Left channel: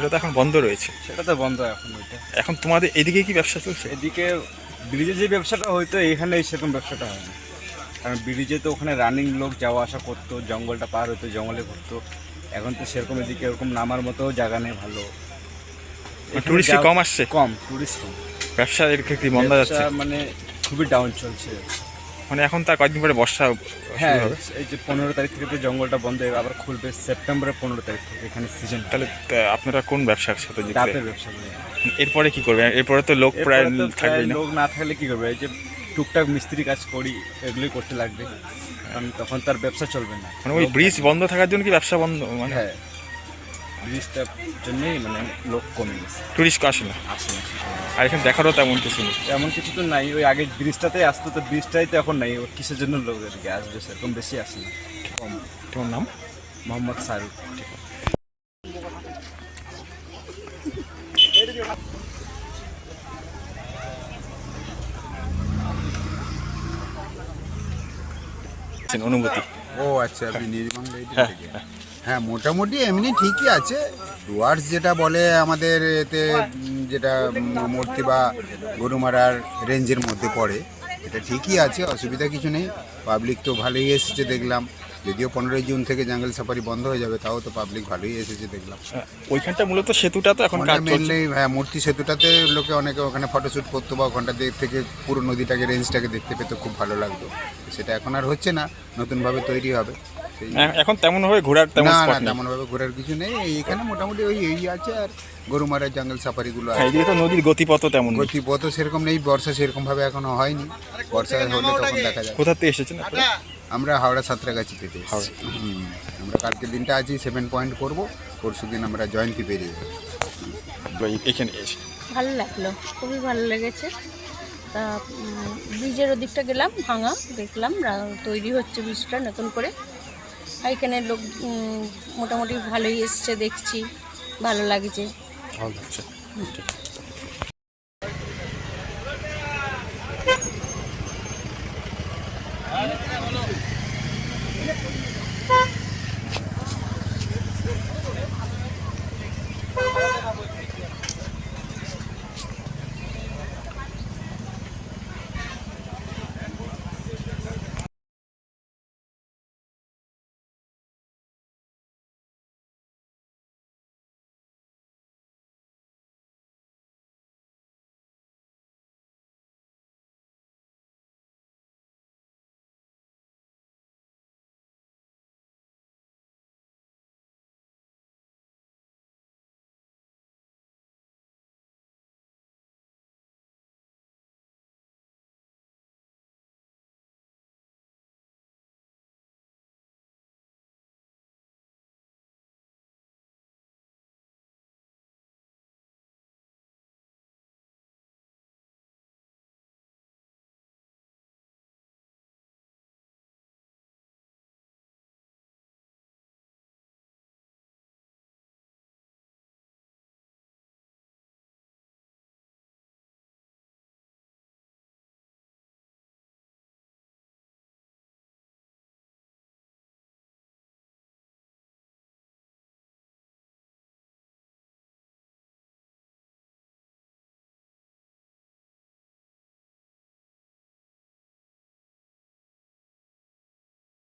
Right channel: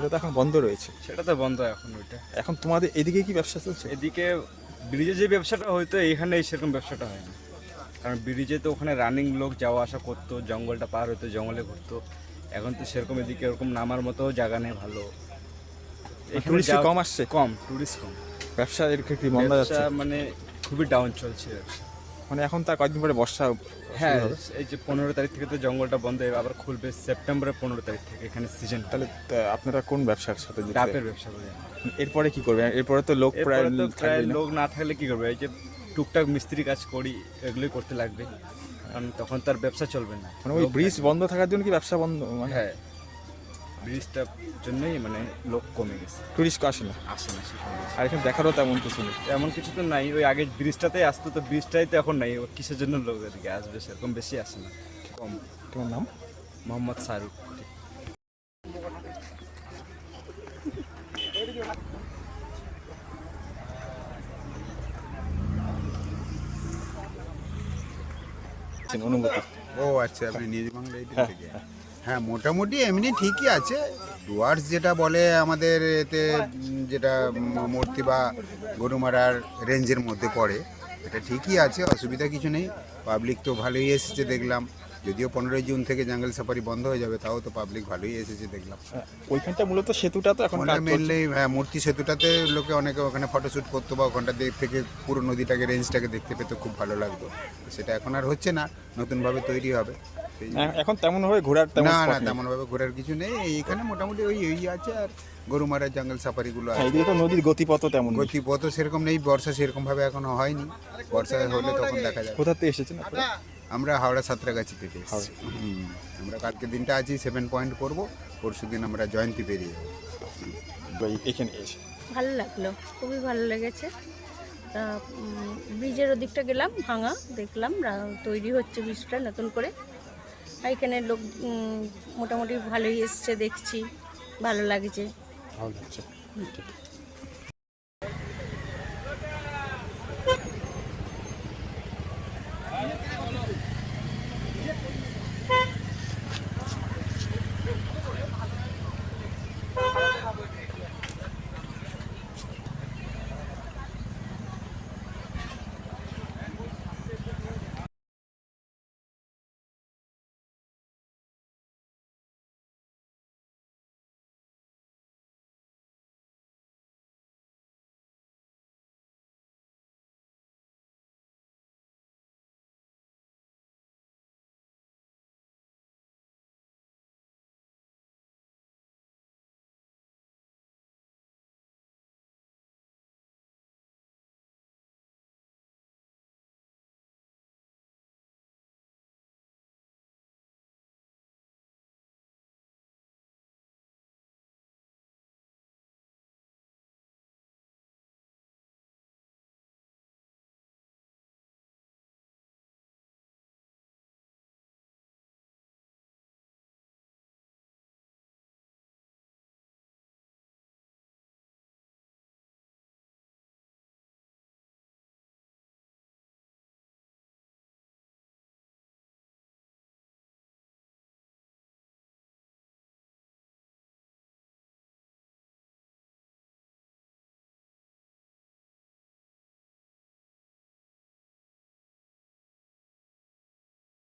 সেটা তো এখন বন্ধ রয়েছে। সেটা তো বন্ধ এখন। এখন তোমাদের এদিকে কি ব্যবসা চলছে? এদিকে ব্রিজে যে ব্যবসাটা হয়তো এখানে সেরকম ব্যবসাটা হয় না, কারণ ব্রিজে তো ওখানে রানিং লোক যাওয়া আসা করতো, জঙ্গলটা পার হতো, জঙ্গলে ঘুরতো। এখন তো সেরকম এদিকে এরকম নামার মতো জায়গা নেই ভালো, টুরিস্ট কম আসছে, কম টুরিস্ট কম। ব্যবসা এর ক্ষেত্রে বন্ধ যাচ্ছে, মানে খুবই ডাউন চলছে। মানে এখন তার কয়েকদিন পরে বর্ষা হ্যাঁ, শুরু হবে। এই যে 15 তারিখ থেকে তো জঙ্গলটা বন্ধ হয়ে আবার খুলবে সেপ্টেম্বরের 15 তারিখ থেকে, এখানে সিজন। তাহলে আপনারা কোন ব্যবসার সাথে যুক্ত? ডাবের ব্যবসা করি। এরপরে কি করবেন? এরপরে তো লোক প্রায় এরপরে তো থাকবেই না। লোক না থাকলে কি করবে? এই যে টুকটাক মিস্ত্রি কাজ করি, এগুলোই করতে লাগবে, কারণ তখন তার ব্যবসা চলবে না। মানে ওই ব্রিজ বন্ধ থাকার জন্য কি ব্যবসা বন্ধ? মানে হ্যাঁ, ব্রিজটার জন্যই মানে লোক কমে গেছে, টুরিস্ট আসে না, আসে না। আর এখানে দেখারও তেমন কিছু নেই। তেমন কিছু তো নাই, ওই আগে ব্রিজটাতেই আসতো, তো ব্রিজটাই তো এখন নাই। ও কিসের জন্য লোক এদিকে আসবে? সেরকম বেশি আসে না, কম। তোমার নাম? মোহাম্মদ শাহরুখ। অনুভূতি? ও আচ্ছা, আপনি নির্মাণ থেকে। হ্যাঁ, মোটামুটি এমনি ঠিকই আছে। ডুয়ার্স যেটা বলে আমাদের এতে, যেটা মূর্তি বা গরুমারার রেঞ্জের মধ্যে পড়ে, এটা ঠিকই আছে, অসুবিধা কিছু নেই। পাবলিক তো ভালোই এসেছে দেখলাম, যদিও 15ই জুন থেকে জঙ্গল সাফারি বন্ধ হয়ে যাবে, তাও তো পাবলিক ভালোই এসেছে দেখলাম। ওইখানটা মূলত সেতুটা তো এখন কাজ চলছে। মেনলি হ্যাঁ, মূর্তি সেতুটাতে লোকে অনেকে ওখানে ফটোশ্যুট করতো, বা ওখানটা থেকে পুরো নদীটাকে, রেঞ্জটাকে দেখতে পেতে খুব ভালো লাগতো। সেটা এখন আর হচ্ছে না, নতুনভাবে তৈরি হবে। এখন তেমন ভাবে ঘোরার তেমন না না, স্পট নেই। তেমন ভাবে ঘোরার কিছু নেই। এইখানে মোটামুটি ওই এই আছে, আর গরুমারার জঙ্গল সাফারিগুলো আছে। এদিকে তো নদীর গতিপথ তেমন নেই। গতিপথ সেরকম নেই, বর্ষা সেরকম ভাবে এখনো হয়নি। বর্ষা হলে তখন দেখা যাবে। কোথা থেকে এসেছেন আপনারা? আমরা হাওড়া সাঁতরাগাছি থেকে এসেছি। আমরা কালকে দিনটা আছি 7 পয়েন্ট করবো, পরশু দিন আমরা জয়ন্তী পেরিয়ে যাবো। এখানে এসে ভালো লাগলো, খুবই ভালো লেগেছে। তা ব্রিজের ওদিকটা গেলাম, ভাঙা দেখলাম, তৈরি হচ্ছে ব্রিজটা নতুন করে। এখানে লোক মোটামুটি ভালোই এসছে, দেখছি ভালো লাগছে। ভালো লাগছে।